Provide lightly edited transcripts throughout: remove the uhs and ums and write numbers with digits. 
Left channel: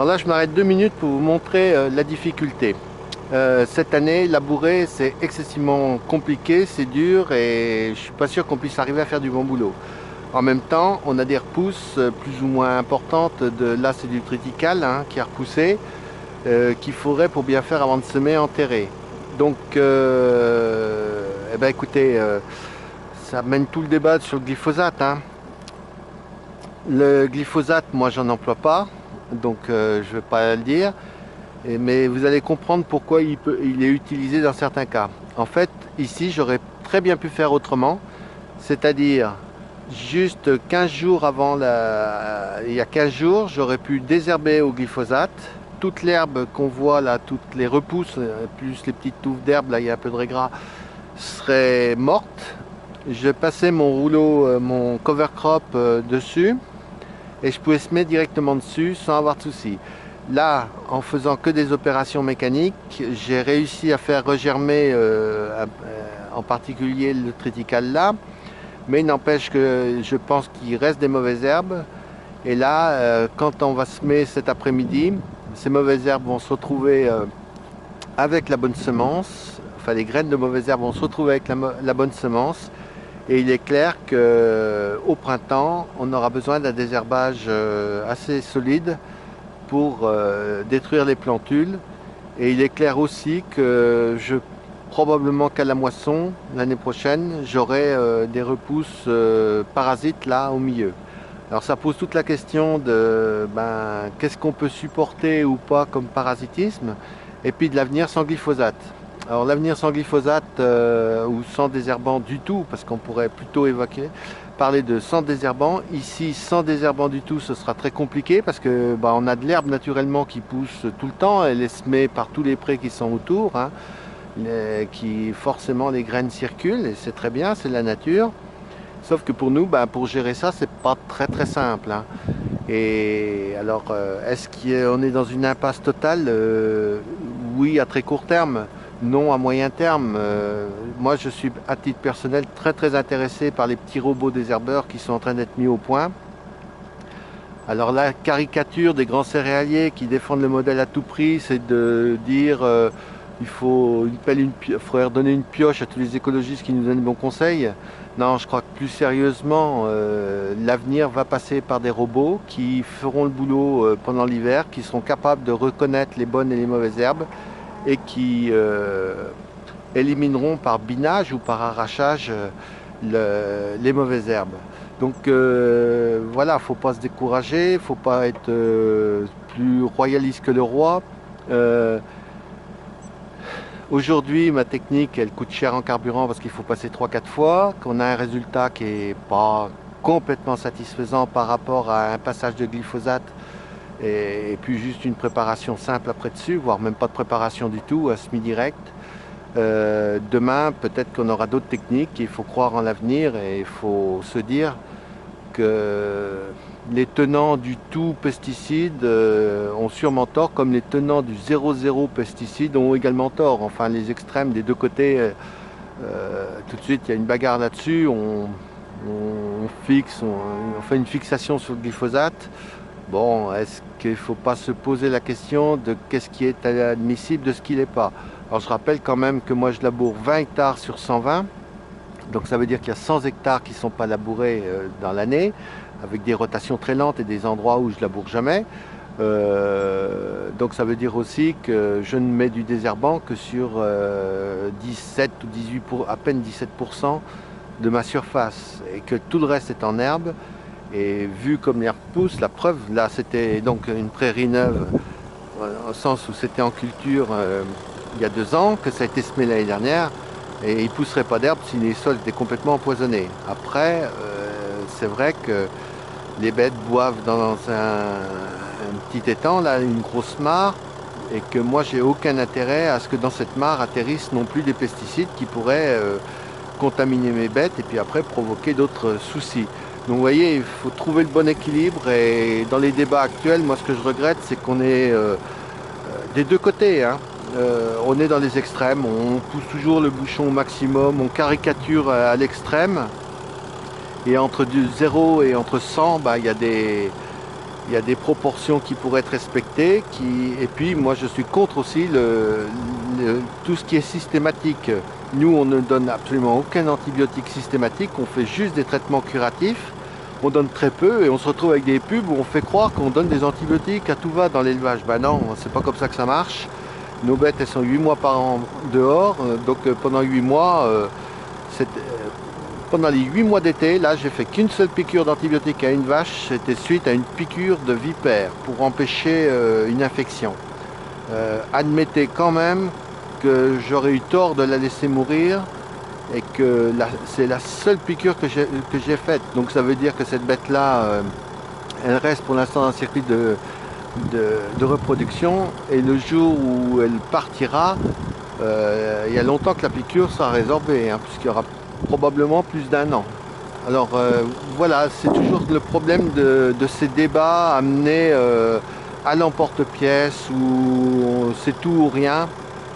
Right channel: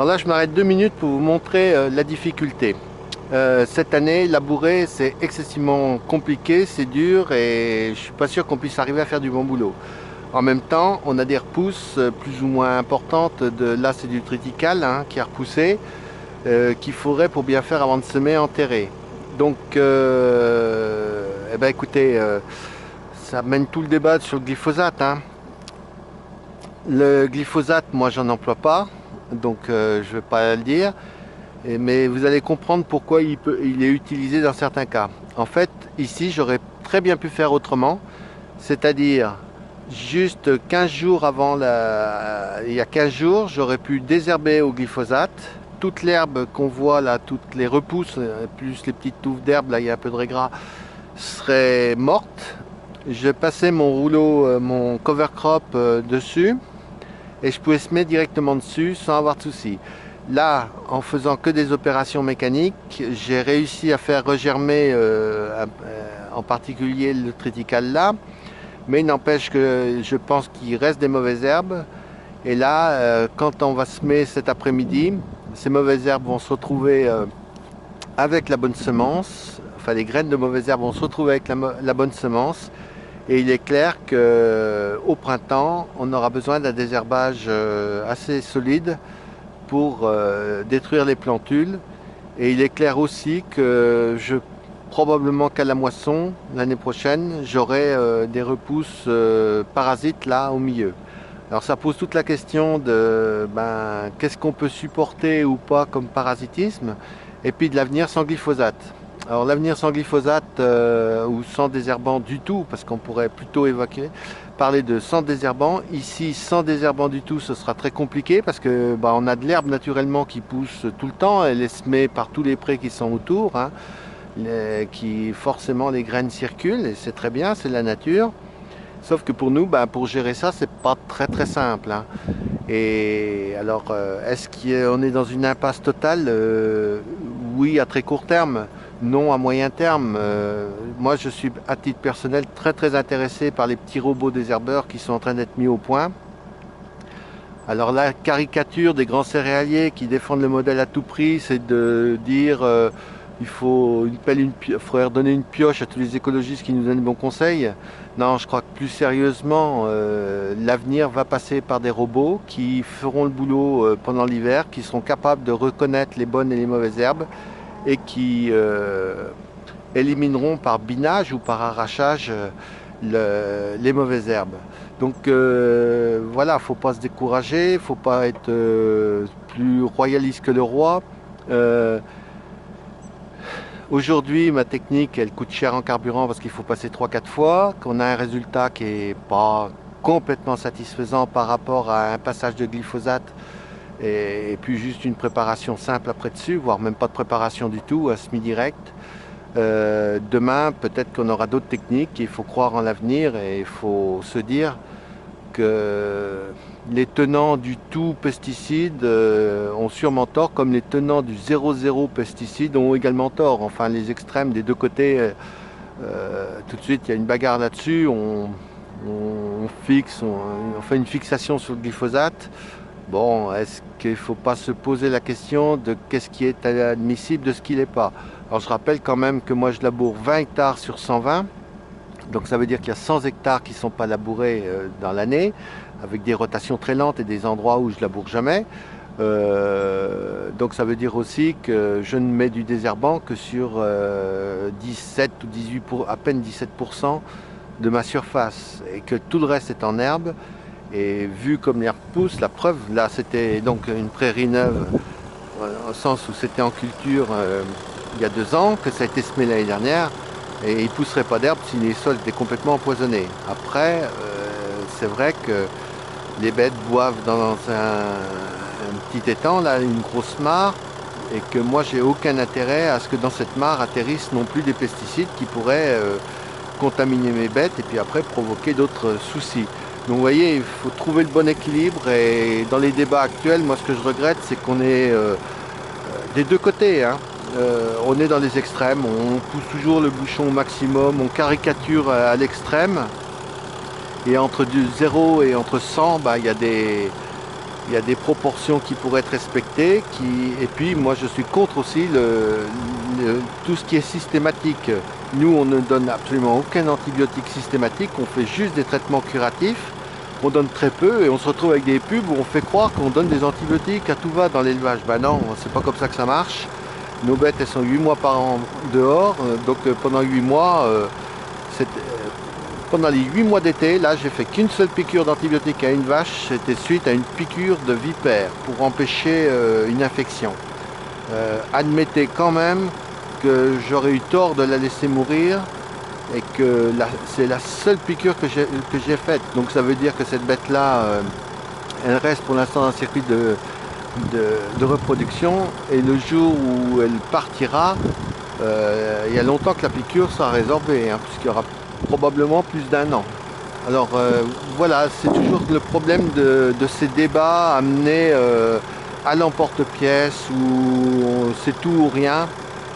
Alors là, je m'arrête 2 minutes pour vous montrer la difficulté. Cette année, labourer, c'est excessivement compliqué, c'est dur et je suis pas sûr qu'on puisse arriver à faire du bon boulot. En même temps, on a des repousses plus ou moins importantes là c'est du triticale hein, qui a repoussé, qu'il faudrait pour bien faire avant de semer enterrer. Donc, eh ben, écoutez, ça mène tout le débat sur le glyphosate, hein. Le glyphosate, moi, j'en emploie pas, donc je vais pas le dire. Mais vous allez comprendre pourquoi il est utilisé dans certains cas. En fait, ici, j'aurais très bien pu faire autrement, c'est-à-dire juste 15 jours avant il y a 15 jours, j'aurais pu désherber au glyphosate. Toute l'herbe qu'on voit là, toutes les repousses, plus les petites touffes d'herbe, là il y a un peu de régras, seraient mortes. Je passais mon rouleau, mon cover crop dessus et je pouvais semer directement dessus sans avoir de soucis. Là, en faisant que des opérations mécaniques, j'ai réussi à faire regermer en particulier le triticale là, mais il n'empêche que je pense qu'il reste des mauvaises herbes. Et là, quand on va semer cet après-midi, ces mauvaises herbes vont se retrouver avec la bonne semence, enfin les graines de mauvaises herbes vont se retrouver avec la bonne semence. Et il est clair qu'au printemps, on aura besoin d'un désherbage assez solide pour détruire les plantules. Et il est clair aussi que probablement qu'à la moisson, l'année prochaine, j'aurai des repousses parasites là au milieu. Alors ça pose toute la question de qu'est-ce qu'on peut supporter ou pas comme parasitisme, et puis de l'avenir sans glyphosate. Alors l'avenir sans glyphosate ou sans désherbant du tout, parce qu'on pourrait plutôt parler de sans désherbant. Ici, sans désherbant du tout, ce sera très compliqué parce que on a de l'herbe naturellement qui pousse tout le temps. Elle est semée par tous les prés qui sont autour, hein, qui forcément les graines circulent et c'est très bien, c'est la nature. Sauf que pour nous, pour gérer ça, c'est pas très très simple, hein. Et alors, est-ce qu'on est dans une impasse totale? Oui, à très court terme. Non, à moyen terme. Moi, je suis à titre personnel très très intéressé par les petits robots désherbeurs qui sont en train d'être mis au point. Alors la caricature des grands céréaliers qui défendent le modèle à tout prix, c'est de dire il faut faudrait redonner une pioche à tous les écologistes qui nous donnent de bons conseils. Non, je crois que plus sérieusement, l'avenir va passer par des robots qui feront le boulot pendant l'hiver, qui seront capables de reconnaître les bonnes et les mauvaises herbes et qui élimineront par binage ou par arrachage les mauvaises herbes. Donc voilà, faut pas se décourager, faut pas être plus royaliste que le roi. Euh, Aujourd'hui, ma technique, elle coûte cher en carburant parce qu'il faut passer 3 4 fois, qu'on a un résultat qui est pas complètement satisfaisant par rapport à un passage de glyphosate et puis juste une préparation simple après dessus, voire même pas de préparation du tout, un semi-direct. Demain, peut-être qu'on aura d'autres techniques, il faut croire en l'avenir et il faut se dire que les tenants du tout pesticide ont sûrement tort, comme les tenants du 0,0 pesticide ont également tort. Enfin, les extrêmes des deux côtés, tout de suite, il y a une bagarre là-dessus. On fait une fixation sur le glyphosate. Bon, est-ce qu'il ne faut pas se poser la question de qu'est-ce qui est admissible de ce qui n'est pas? Alors, je rappelle quand même que moi, je laboure 20 hectares sur 120. Donc ça veut dire qu'il y a 100 hectares qui ne sont pas labourés dans l'année, avec des rotations très lentes et des endroits où je laboure jamais. Donc ça veut dire aussi que je ne mets du désherbant que sur 17 ou 18 à peine 17% de ma surface et que tout le reste est en herbe. Et vu comme l'herbe pousse, la preuve, là c'était donc une prairie neuve, au sens où c'était en culture il y a 2 ans, que ça a été semé l'année dernière. Et il ne pousserait pas d'herbe si les sols étaient complètement empoisonnés. Après, c'est vrai que les bêtes boivent dans un petit étang, là, une grosse mare, et que moi, j'ai aucun intérêt à ce que dans cette mare atterrissent non plus des pesticides qui pourraient contaminer mes bêtes et puis après provoquer d'autres soucis. Donc vous voyez, il faut trouver le bon équilibre et dans les débats actuels, moi ce que je regrette, c'est qu'on est des deux côtés, hein. On est dans les extrêmes, on pousse toujours le bouchon au maximum, on caricature à l'extrême. Et entre du 0 et entre 100, il y Il y a des proportions qui pourraient être respectées. Et puis moi je suis contre aussi tout ce qui est systématique. Nous on ne donne absolument aucun antibiotique systématique, on fait juste des traitements curatifs. On donne très peu et on se retrouve avec des pubs où on fait croire qu'on donne des antibiotiques à tout va dans l'élevage. Ben non, c'est pas comme ça que ça marche. Nos bêtes elles sont 8 mois par an dehors, donc pendant 8 mois, pendant les 8 mois d'été, là j'ai fait qu'une seule piqûre d'antibiotique à une vache, c'était suite à une piqûre de vipère pour empêcher une infection. Admettez quand même que j'aurais eu tort de la laisser mourir et que c'est la seule piqûre que j'ai faite. Donc ça veut dire que cette bête-là, elle reste pour l'instant dans un circuit de reproduction et le jour où elle partira, il y a longtemps que la piqûre sera résorbée, hein, puisqu'il y aura probablement plus d'1 an. Alors voilà, c'est toujours le problème de ces débats amenés à l'emporte-pièce où c'est tout ou rien,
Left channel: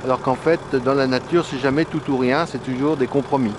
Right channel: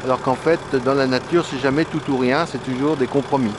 alors qu'en fait dans la nature c'est jamais tout ou rien, c'est toujours des compromis.